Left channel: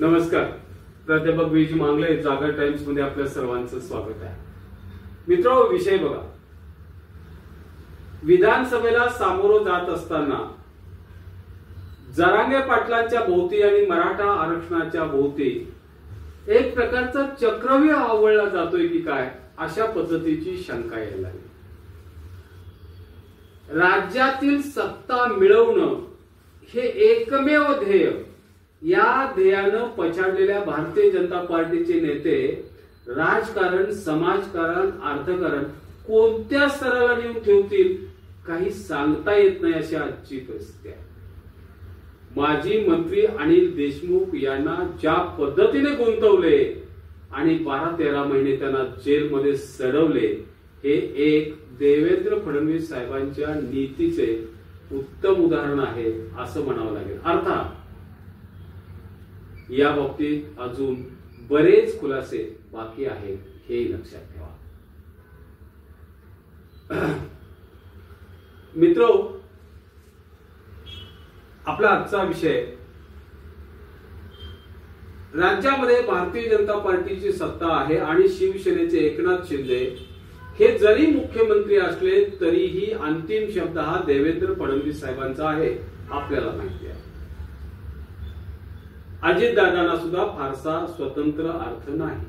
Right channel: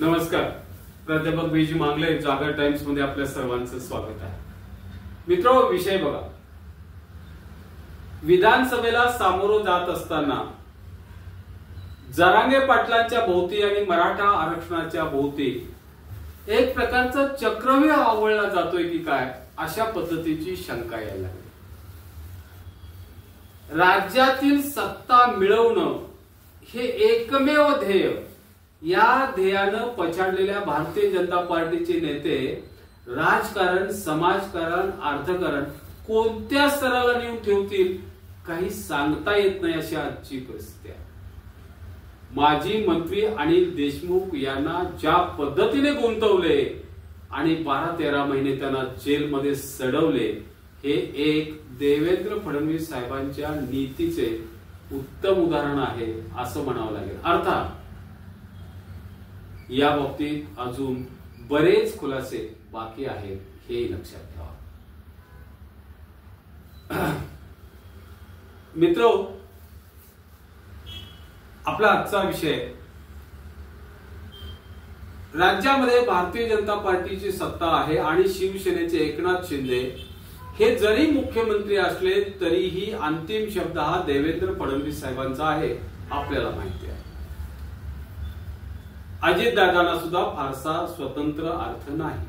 नमस्कार. प्राध्यापक बीजी मांगले, जागर टाइम्स मध्ये आपल्या सर्वांचं स्वागत आहे. मित्रो, विषय बघा. विधानसभेला सामोरं जात असताना जरांगे पाटलांच्या भोवती आणि मराठा आरक्षणाच्या भोवती एक प्रकारचं चक्रव्यूह आवळला जातोय की काय, अशा पद्धतीची शंका यायला लागली. राज्यातील सत्ता मिळवणं हे एकमेव ध्येय, या ध्येयानं पछाडलेल्या भारतीय जनता पार्टीचे नेते राजकारण, समाजकारण, अर्थकारण कोणत्या स्तराला नेऊन ठेवतील काही सांगता येत नाही, अशी आजची परिस्थिती आहे. माजी मंत्री अनिल देशमुख यांना ज्या पद्धतीने गुंतवले आणि 12-13 महिने त्यांना जेलमध्ये सडवले, हे एक देवेंद्र फडणवीस साहेबांच्या नीतीचे उत्तम उदाहरण आहे असं म्हणावं लागेल. अर्थात या बाबतीत अजून बरेच खुलासे बाकी आहेत, हेही लक्षात ठेवा. मित्रो, आपला आजचा विषय, राज्यामध्ये भारतीय जनता पार्टीची सत्ता आहे आणि शिवसेनेचे एकनाथ शिंदे हे जरी मुख्यमंत्री असले तरीही अंतिम शब्द हा देवेंद्र फडणवीस साहेबांचा आहे, आपल्याला माहिती आहे. अजितदादांना सुद्धा फारसा स्वतंत्र अर्थ नाही.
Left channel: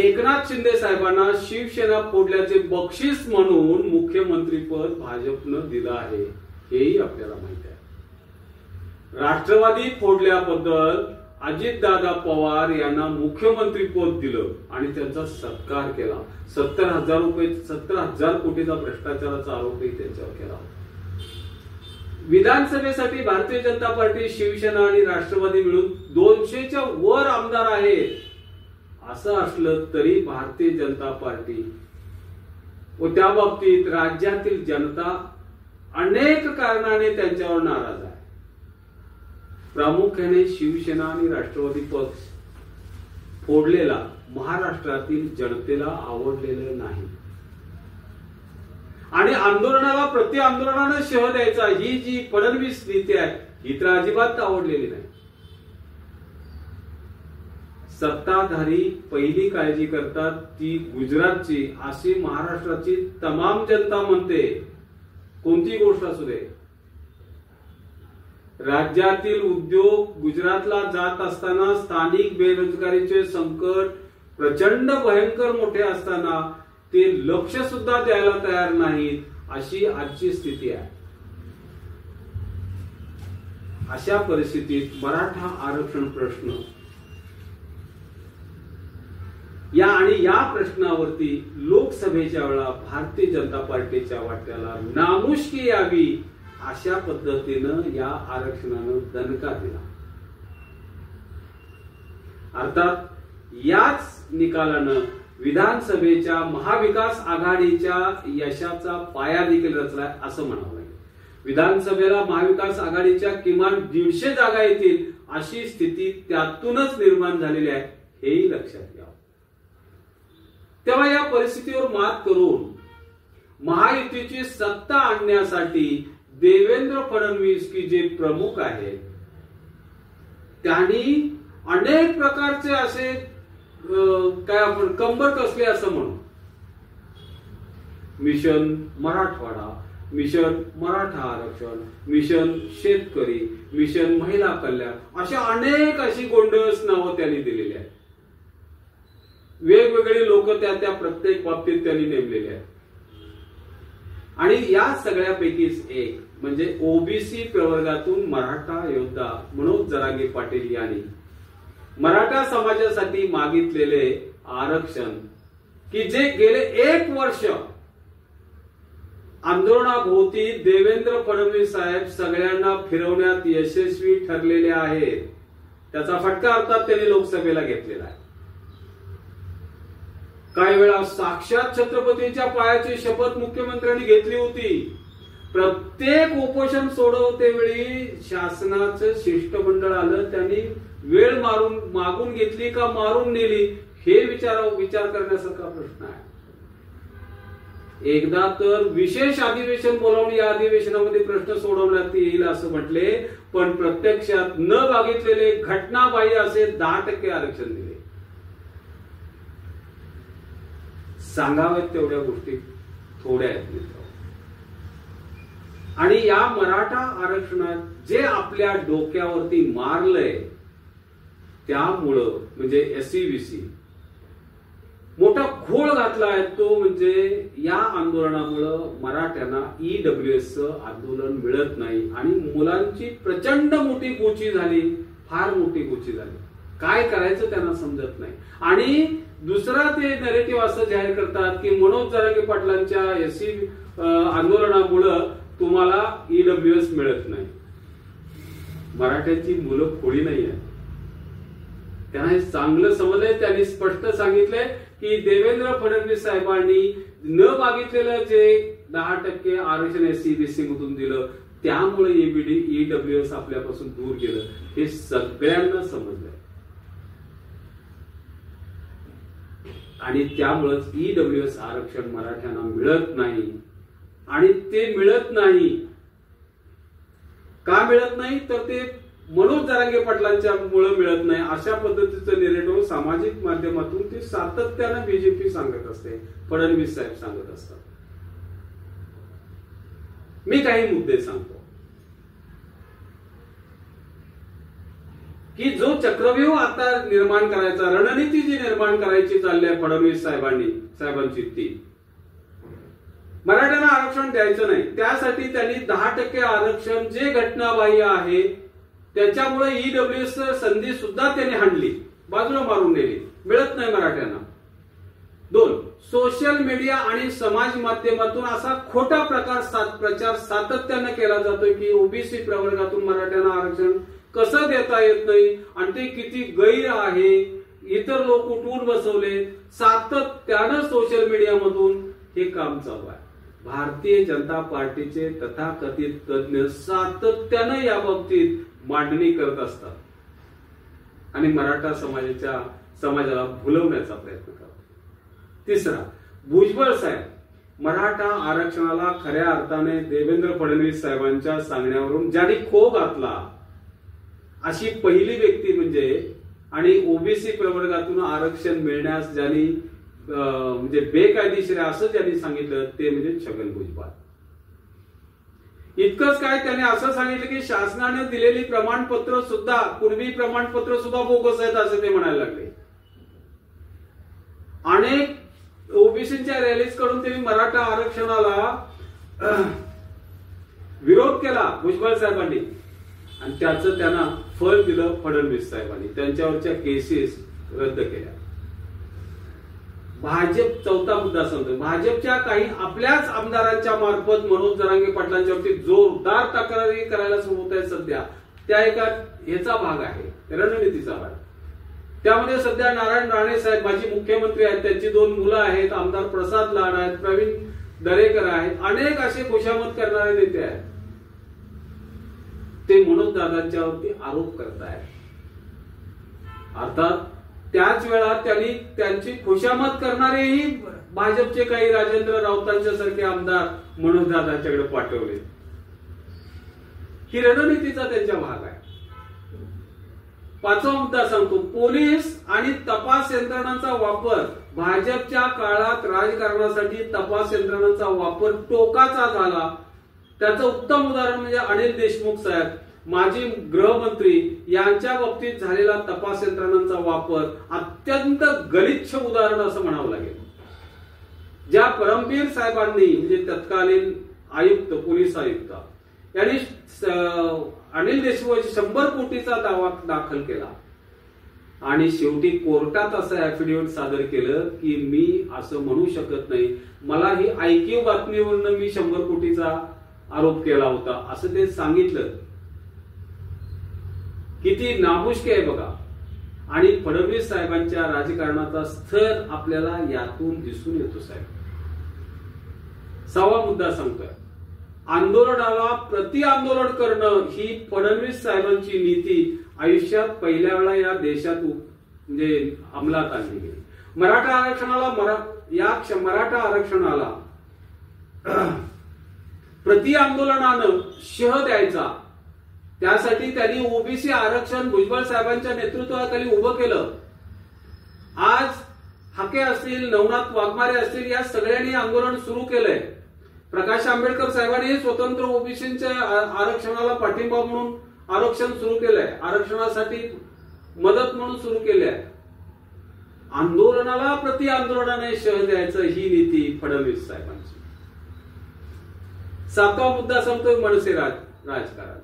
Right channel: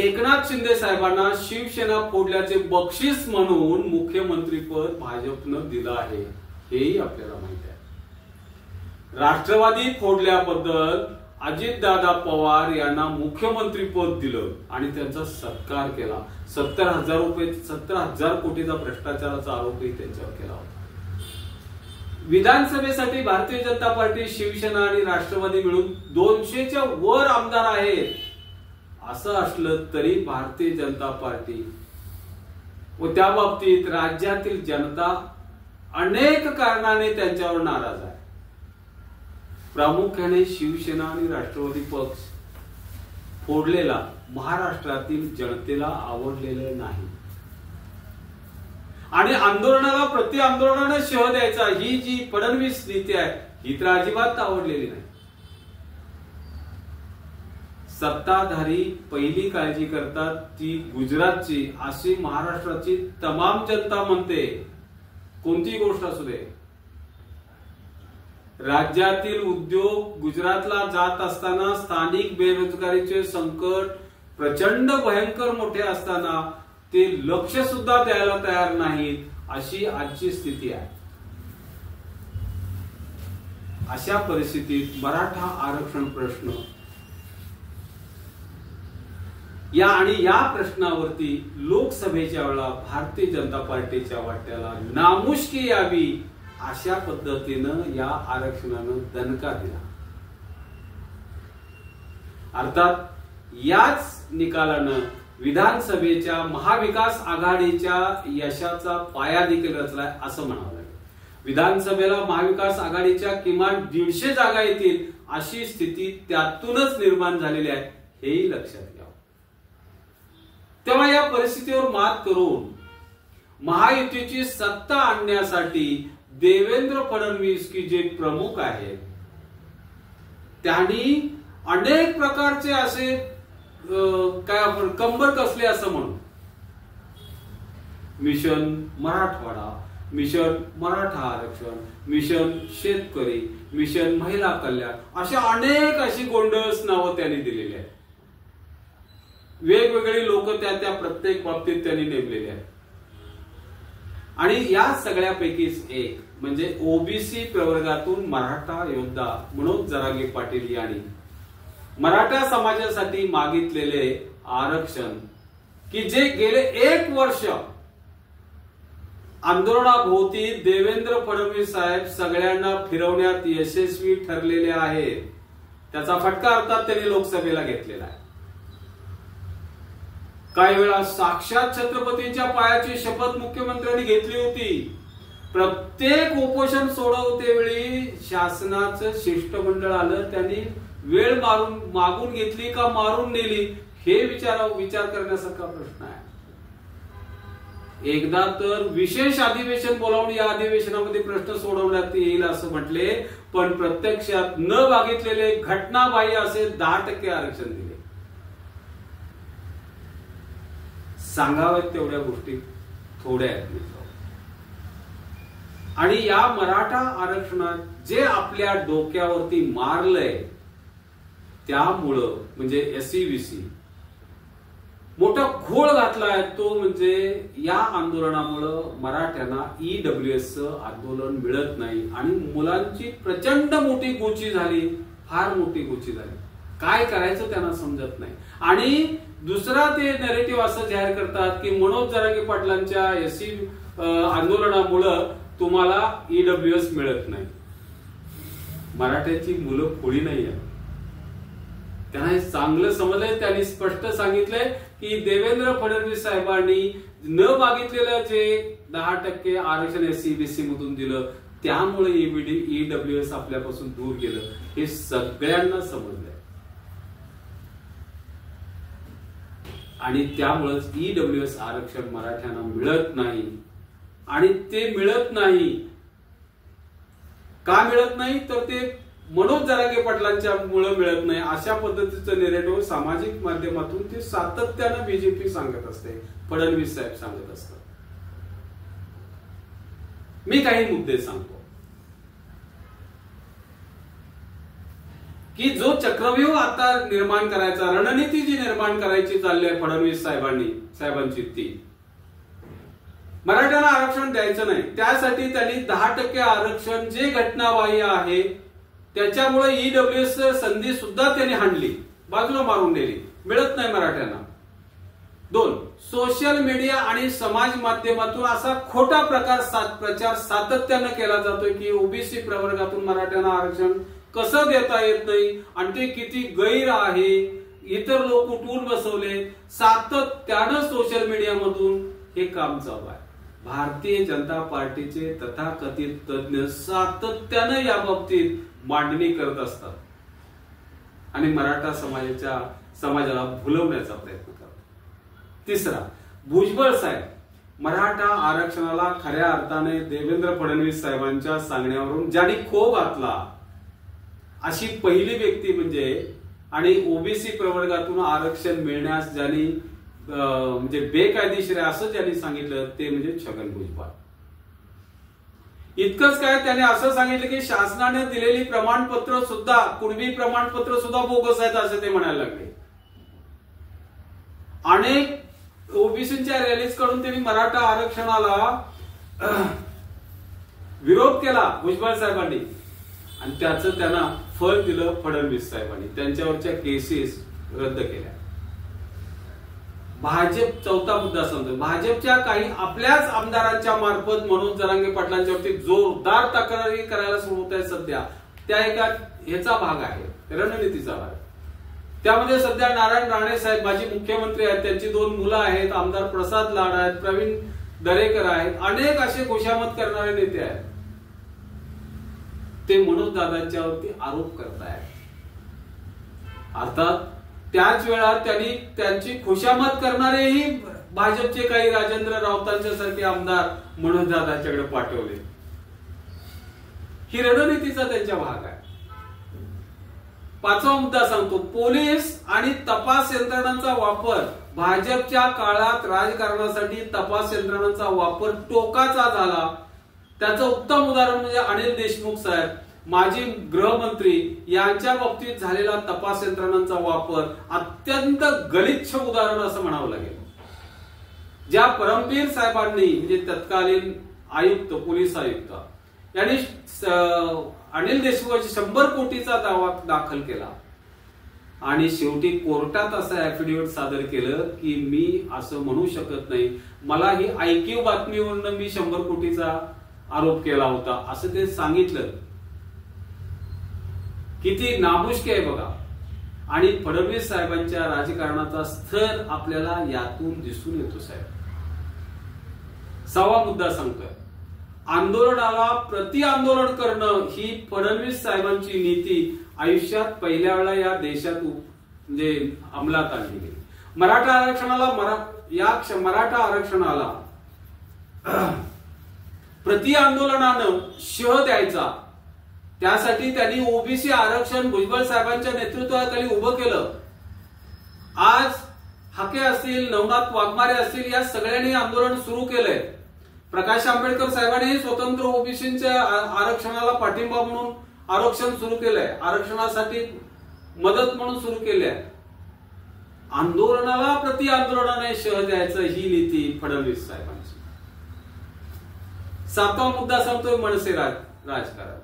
एकनाथ शिंदे साहेबांना शिवसेना फोडल्याचे बक्षीस म्हणून मुख्यमंत्रीपद भाजपनं दिलं आहे, हेही आपल्याला माहिती आहे. राष्ट्रवादी फोडल्याबद्दल अजितदादा पवार यांना मुख्यमंत्रीपद दिलं आणि त्यांचा सत्कार केला. 70,000 कोटीचा भ्रष्टाचाराचा आरोपही त्यांच्यावर केला होता. विधानसभेसाठी भारतीय जनता पार्टी, शिवसेना आणि राष्ट्रवादी मिळून 200च्या वर आमदार आहेत. असं असलं तरी भारतीय जनता पार्टी व त्या बाबतीत राज्यातील जनता अनेक कारणाने त्यांच्यावर नाराज आहे. प्रामुख्याने शिवसेना आणि राष्ट्रवादी पक्ष फोडलेला महाराष्ट्रातील जनतेला आवडलेलं नाही आणि आंदोलनाला प्रति आंदोलनाने शह द्यायचा, ही जी फडणवीस नीती आहे, ही तर अजिबात आवडलेली नाही. सत्ताधारी पहिली काळजी करतात ती गुजरातची, अशी महाराष्ट्राची तमाम जनता म्हणते. कोणती गोष्ट असू दे, राज्यातील उद्योग गुजरातला जात असताना, स्थानिक बेरोजगारीचे संकट प्रचंड भयंकर मोठे असताना ते लक्ष सुद्धा द्यायला तयार नाहीत, अशी आजची स्थिती आहे. अशा परिस्थितीत मराठा आरक्षण प्रश्न या प्रश्नावरती लोकसभेच्या वेळा भारतीय जनता पार्टीच्या वाट्याला नामुष्की यावी, अशा पद्धतीनं या आरक्षणानं दणका दिला. अर्थात याच निकालानं विधानसभेच्या महाविकास आघाडीच्या यशाचा पाया देखील रचलाय, असं म्हणावं लागेल. विधानसभेला महाविकास आघाडीच्या किमान 150 जागा येतील, अशी स्थिती त्यातूनच निर्माण झालेली आहे, हेही लक्षात घ्या. तेव्हा या परिस्थितीवर मात करून महायुतीची सत्ता आणण्यासाठी देवेंद्र फडणवीस की जे प्रमुख आहेत, त्यांनी अनेक प्रकारचे असे काय आपण कंबर कसले असं म्हणू, मिशन मराठवाडा, मिशन मराठा आरक्षण, मिशन शेतकरी, मिशन महिला कल्याण, अशा अनेक अशी गोंडस नावं त्यांनी दिलेली आहेत. वेगवेगळी लोक त्या प्रत्येक बाबतीत त्यांनी नेमलेली आहेत. आणि या सगळ्यापैकीच एक म्हणजे ओबीसी प्रवर्गातून मराठा योद्धा मनोज जरांगे पाटील यांनी मराठा समाजासाठी मागितलेले आरक्षण, की जे गेले 1 वर्ष आंदोलनाभोवती देवेंद्र फडणवीस साहेब सगळ्यांना फिरवण्यात यशस्वी ठरलेले आहेत, त्याचा फटका अर्थात त्यांनी लोकसभेला घेतलेला आहे. काही वेळा साक्षात छत्रपतींच्या पायाची शपथ मुख्यमंत्र्यांनी घेतली होती. प्रत्येक उपोषण सोडवते वेळी शासनाचं शिष्टमंडळ आलं, त्यांनी वेळ मागून घेतली का मारून नेली, हे विचार करण्यासारखा प्रश्न आहे. एकदा तर विशेष अधिवेशन बोलावून या अधिवेशनामध्ये प्रश्न सोडवण्यात येईल असं म्हटले, पण प्रत्यक्षात न मागितलेले घटनाबाह्य असे 10% आरक्षण दिले. सांगाव्यात तेवढ्या गोष्टी थोड्या आहेत. आणि या मराठा आरक्षणात जे आपल्या डोक्यावरती मारलंय त्यामुळं म्हणजे SCVC मोठा घोळ घातलाय, तो म्हणजे या आंदोलनामुळं मराठ्यांना EWS आंदोलन मिळत नाही आणि मुलांची प्रचंड मोठी गोची झाली, फार मोठी गोची झाली. काय करायचं त्यांना समजत नाही. आणि दुसरा ते नॅरेटिव्ह असं जाहीर करतात की मनोज जरांगे पाटलांच्या SC आंदोलनामुळं तुम्हाला EWS मिळत नाही. मराठ्याची मुलं खोडी नाही आहे, त्यांना हे चांगलं समजलंय. त्यांनी स्पष्ट सांगितलंय की देवेंद्र फडणवीस साहेबांनी न मागितलेलं जे 10% आरक्षण SCBC मधून दिलं त्यामुळे EWS आपल्यापासून दूर गेलं, हे सगळ्यांना समजलंय. आणि त्यामुळेच EWS आरक्षण मराठ्यांना मिळत नाही. आणि ते मिळत नाही का मिळत नाही तर ते मनोज जरांगे पाटलांच्या मुळे मिळत नाही, अशा पद्धतीचं नेरेटिव्ह सामाजिक माध्यमातून ते सातत्यानं BJP सांगत असते, फडणवीस साहेब सांगत असतात. मी काही मुद्दे सांगतो की जो चक्रव्यूह आता निर्माण करायचा, रणनीती जी निर्माण करायची चालली आहे फडणवीस साहेबांची, ती मराठ्यांना आरक्षण द्यायचं नाही. त्यासाठी त्यांनी 10% आरक्षण जे घटनाबाह्य आहे त्याच्यामुळे EWS संधी सुद्धा त्यांनी हाणली, बाजूला मारून नेली, मिळत नाही मराठ्यांना. 2, सोशल मीडिया आणि समाज माध्यमातून असा खोटा प्रचार सातत्यानं केला जातोय की OBC प्रवर्गातून मराठ्यांना आरक्षण कसं देता येत नाही आणि ते किती गैर आहे, इतर लोक उठवून बसवले. सातत्यानं सोशल मीडियामधून हे काम चालू आहे. भारतीय जनता पार्टीचे तथाकथित तज्ञ सातत्यानं या बाबतीत मांडणी करत असतात आणि मराठा समाजाला भुलवण्याचा प्रयत्न करतात. 3, भुजबळ साहेब मराठा आरक्षणाला खऱ्या अर्थाने देवेंद्र फडणवीस साहेबांच्या सांगण्यावरून ज्यांनी खो घातला अशी पहिली व्यक्ती आणि OBC प्रवर्गातून आरक्षण मिळण्यास ज्यांनी म्हणजे बेकायदेशीर आहे असं ज्यांनी सांगितलं ते म्हणजे छगन भुजबळ. इतकंच काय, त्यांनी असं सांगितलं की शासनाने दिलेली प्रमाणपत्र सुद्धा, कुणबी प्रमाणपत्र सुद्धा बोगस आहेत असं ते म्हणायला लागले. अनेक OBCच्या रॅलीज कडून त्यांनी मराठा आरक्षणाला विरोध केला भुजबळ साहेबांनी आणि त्याचं त्यांना फळ दिलं फडणवीस साहेबांनी. त्यांच्यावरच्या केसेस रद्द केल्या. भाजप, चौथा मुद्दा सांगतो, भाजपच्या काही आपल्याच आमदारांच्या मार्फत मनोज जरांगे पाटलांच्यावरती जोरदार तक्रारी करायला सुरू होत आहे सध्या. त्या एका ह्याचा भाग आहे, रणनीतीचा भाग. त्यामध्ये सध्या नारायण राणे साहेब माजी मुख्यमंत्री आहेत, त्यांची 2 मुलं आहेत, आमदार प्रसाद लाड आहेत, प्रवीण दरेकर आहेत, अनेक असे खुशामत करणारे नेते आहेत. ते मनोज दादांच्यावरती आरोप करतायत. अर्थात त्याच वेळा त्यांनी त्यांची खुशामत करणारेही भाजपचे काही राजेंद्र राऊतांच्या सारखे आमदार मनोज दादांच्याकडे पाठवले. ही रणनीतीचा त्यांचा भाग आहे. 5वा मुद्दा सांगतो, पोलीस आणि तपास यंत्रणांचा वापर. भाजपच्या काळात राजकारणासाठी तपास यंत्रणांचा वापर टोकाचा झाला. त्याचं उत्तम उदाहरण म्हणजे अनिल देशमुख साहेब, माजी गृहमंत्री, यांच्या बाबतीत झालेला तपास यंत्रणांचा वापर अत्यंत गलिच्छ उदाहरण असं म्हणावं लागेल. ज्या परमबीर साहेबांनी म्हणजे तत्कालीन आयुक्त, पोलीस आयुक्त यांनी अनिल देशमुखांची 100 कोटीचा दावा दाखल केला आणि शेवटी कोर्टात असं ऍफिडेव्हिट सादर केलं की मी असं म्हणू शकत नाही, मला ही ऐकीव बातमीवरून मी 100 कोटीचा आरोप केला होता असं ते सांगितलं. किती नामुष्की आहे बघा. आणि फडणवीस साहेबांच्या राजकारणाचा स्तर आपल्याला यातून दिसून येतो साहेब. 6वा मुद्दा सांगतोय, आंदोलनाला प्रति आंदोलन करणं ही फडणवीस साहेबांची नीती आयुष्यात पहिल्या वेळा या देशात म्हणजे अंमलात आणली गेली. मराठा आरक्षणाला प्रति आंदोलनानं शह द्यायचा, त्यासाठी त्यांनी ओबीसी आरक्षण भुजबळ साहेबांच्या नेतृत्वाखाली उभं केलं. आज हाके असतील, नवनाथ वाघमारे असतील, या सगळ्यांनी आंदोलन सुरू केलंय. प्रकाश आंबेडकर साहेबांनी स्वतंत्र ओबीसीच्या आरक्षणाला पाठिंबा म्हणून आरक्षण सुरू केलंय, आरक्षणासाठी मदत म्हणून सुरू केलंय. आंदोलनाला प्रति आंदोलनाने शह द्यायचं ही नीती फडणवीस साहेबांची. 7वा मुद्दा सांगतोय मनसे राजकारण.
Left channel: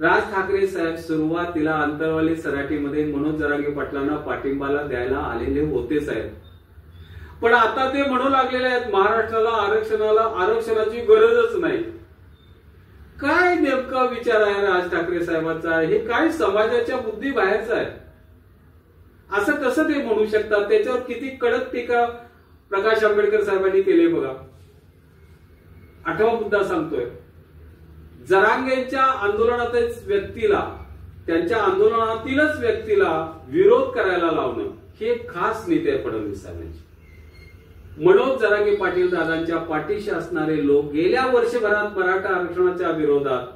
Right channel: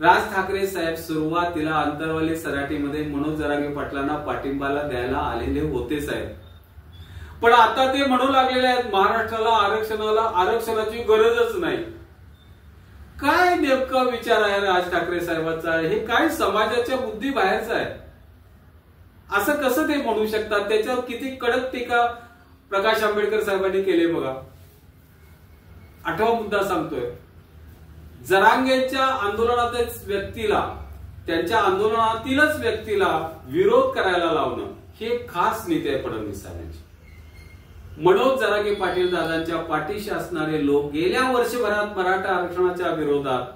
राज ठाकरे साहेब सुरुवातीला अंतरवाली सराटीमध्ये मनोज जरांगे पाटलांना पाठिंबाला द्यायला आलेले होते साहेब, पण आता ते म्हणू लागलेले आहेत महाराष्ट्राला आरक्षणाची गरजच नाही. काय नेमका विचार आहे राज ठाकरे साहेबांचा? हे काय समाजाच्या बुद्धी बाहेरचं आहे? असं कसं ते म्हणू शकतात? त्याच्यावर किती कडक टीका प्रकाश आंबेडकर साहेबांनी केली बघा. 8वा मुद्दा सांगतोय, जरांगेंच्या आंदोलनातच व्यक्तीला, त्यांच्या आंदोलनातीलच व्यक्तीला विरोध करायला लावणं ही खास नीती आहे फडणवीस साहेबांची. मनोज जरांगे पाटील दादांच्या पाठीशी असणारे लोक गेल्या वर्षभरात मराठा आरक्षणाच्या विरोधात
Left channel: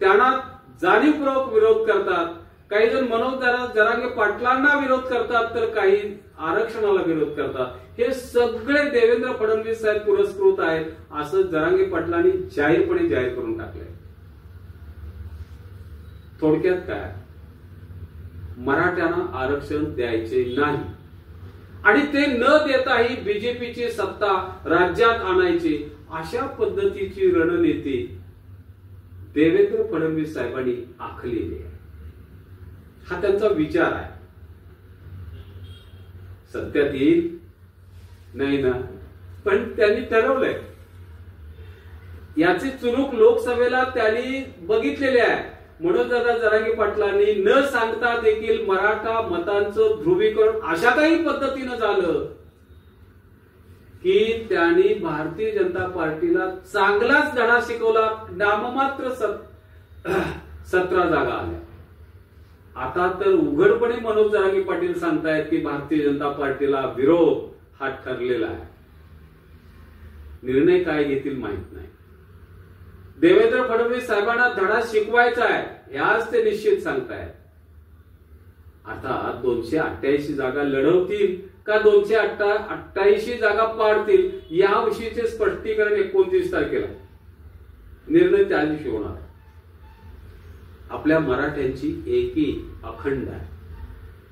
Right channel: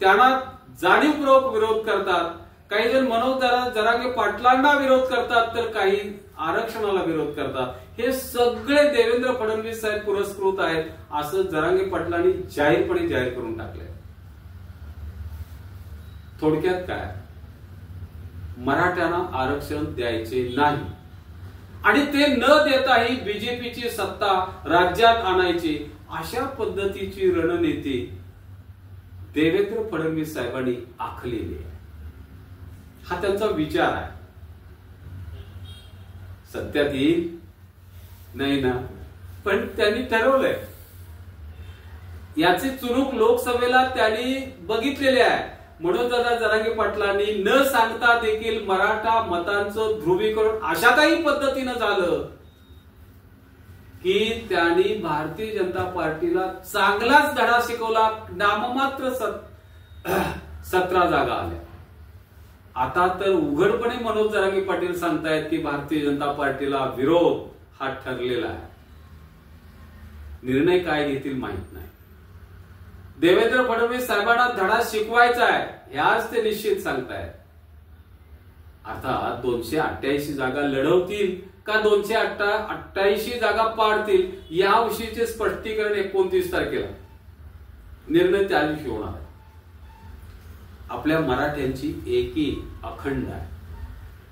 त्यांना जाणीवपूर्वक विरोध करतात. काही जण मनोज जरांगे पाटलांना विरोध करतात, तर काही आरक्षणाला विरोध करतात. हे सगळे देवेंद्र फडणवीस साहेब पुरस्कृत आहेत असं जरांगे पाटलांनी जाहीरपणे जाहीर करून टाकलंय. थोडक्यात काय, मराठ्यांना आरक्षण द्यायचे नाही आणि ते न देताही बीजेपीची सत्ता राज्यात आणायची, अशा पद्धतीची रणनीती देवेंद्र फडणवीस साहेबांनी आखलेली आहे. हा त्यांचा विचार आहे. सत्यात येईल नाही ना, पण त्यांनी ठरवलंय. याची चुणूक लोकसभेला त्यांनी बघितलेली आहे. मनोजदादा जरांगे पाटलांनी न सांगता देखील मराठा मतांचं ध्रुवीकरण अशा काही पद्धतीनं झालं की त्यांनी भारतीय जनता पार्टीला चांगलाच धडा शिकवला. नाममात्र 17 जागा आल्या. आता तर उघडपणे मनोज जरांगे पाटील सांगतायत की भारतीय जनता पार्टीला विरोध हा ठरलेला आहे. निर्णय काय घेतील माहित नाही. देवेंद्र फडणवीस साहेबांना धडा शिकवायचा आहे ह्याच ते निश्चित सांगतायत. अर्थात 288 जागा लढवतील का 288 जागा पाडतील याविषयीचे स्पष्टीकरण 29 तारखेला निर्णय त्या दिवशी होणार आहे. आपल्या मराठ्यांची एकी अखंड आहे,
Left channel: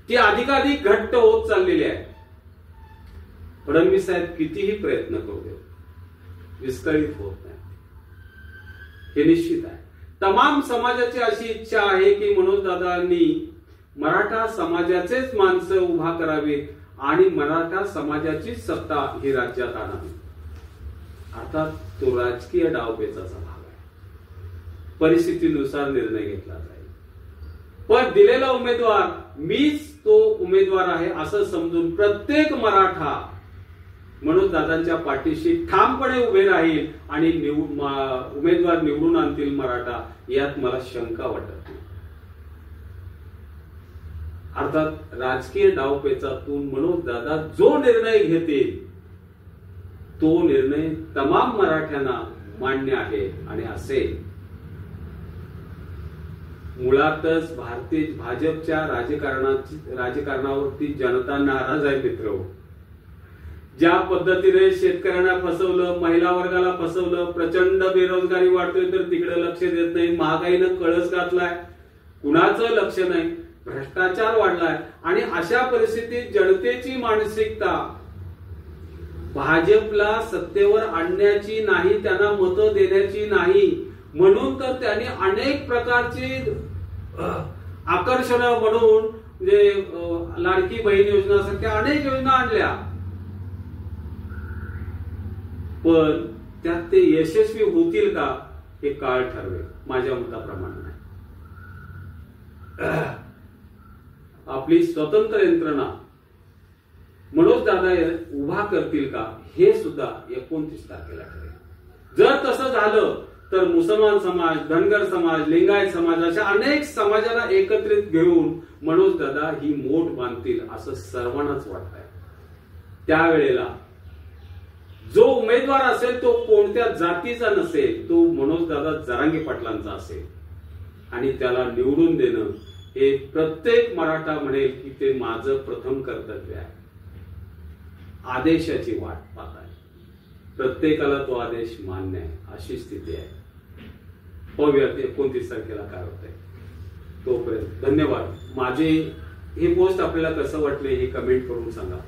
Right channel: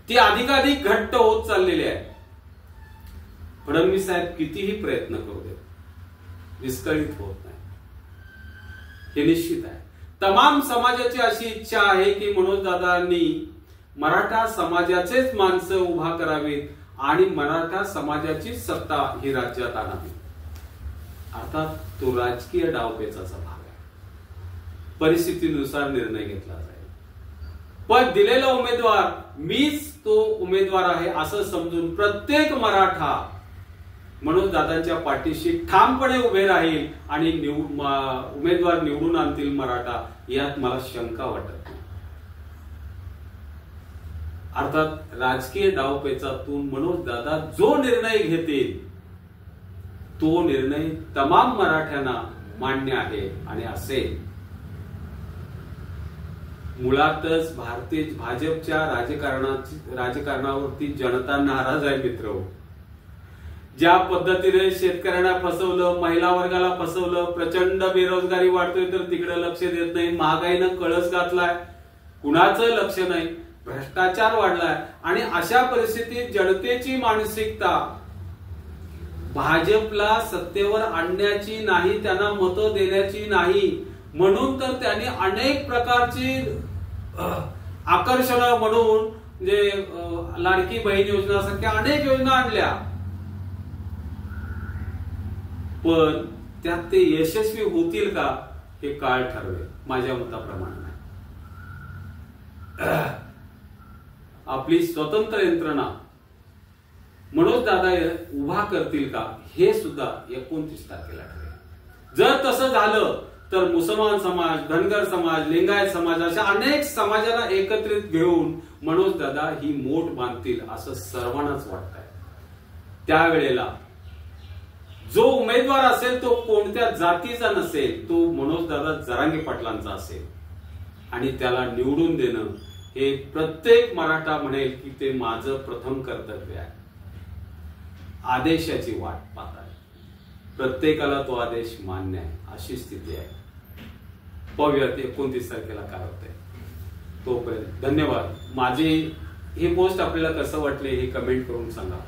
ती अधिकाधिक घट्ट होत चाललेली आहे. फडणवीस साहेब कितीही प्रयत्न करू दे, विस्कळीत होत नाही हे निश्चित आहे. तमाम समाजाची अशी इच्छा आहे की मनोजदादांनी मराठा समाजाचेच माणसं उभा करावीत आणि मराठा समाजाची सत्ता ही राज्यात आणावी. अर्थात तो राजकीय डावपेचाचा भाग आहे. परिस्थितीनुसार निर्णय घेतला जाईल, पण दिलेला उमेदवार मीच तो उमेदवार आहे असं समजून प्रत्येक मराठा मनोजदादांच्या पाठीशी ठामपणे उभे राहील आणि उमेदवार निवडून आणतील मराठा, यात मला शंका वाटत नाही. अर्थात राजकीय डावपेचातून मनोजदादा जो निर्णय घेतील तो निर्णय तमाम मराठ्यांना मान्य आहे आणि असेल. मुळातच भाजपच्या राजकारणावरती जनता नाराज आहे मित्र. ज्या पद्धतीने शेतकऱ्यांना फसवलं, महिला वर्गाला फसवलं, प्रचंड बेरोजगारी वाढतोय तर तिकडे लक्ष देत नाही, महागाईनं कळस घातलाय, कुणाचं लक्ष नाही, भ्रष्टाचार वाढलाय आणि अशा परिस्थितीत जनतेची मानसिकता भाजपला सत्तेवर आणण्याची नाही, त्यांना मतं देण्याची नाही, म्हणून तर त्यांनी अनेक प्रकारची आकर्षणं म्हणून म्हणजे लाडकी बहीण योजना सारख्या अनेक योजना आणल्या, पण त्यात ते यशस्वी होतील का हे काळ ठरवेल. माझ्या मताप्रमाणे नाही. आपली स्वतंत्र यंत्रणा मनोजदादा उभा करतील का हे सुद्धा 29 तारखेला ठरेल. जर तसं झालं तर मुसलमान समाज, धनगर समाज, लिंगायत समाज अशा अनेक समाजाला एकत्रित घेऊन मनोजदादा ही मोठ बांधतील असं सर्वांनाच वाटतंय. त्यावेळेला जो उमेदवार असेल तो कोणत्या जातीचा नसेल, तो मनोजदादा जरांगे पाटलांचा असेल आणि त्याला निवडून देणं हे प्रत्येक मराठा म्हणेल की ते माझं प्रथम कर्तव्य आहे. आदेशाची वाट पाहत आहे. प्रत्येकाला तो आदेश मान्य आहे अशी स्थिती आहे. पाहूयात 29 तारखेला काय होतंय. तोपर्यंत धन्यवाद. माझे हे पोस्ट आपल्याला कसं वाटले हे कमेंट करून सांगा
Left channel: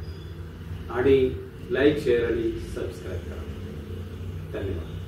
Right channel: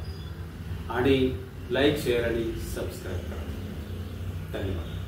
आणि लाईक, शेअर आणि सबस्क्राईब करा. धन्यवाद.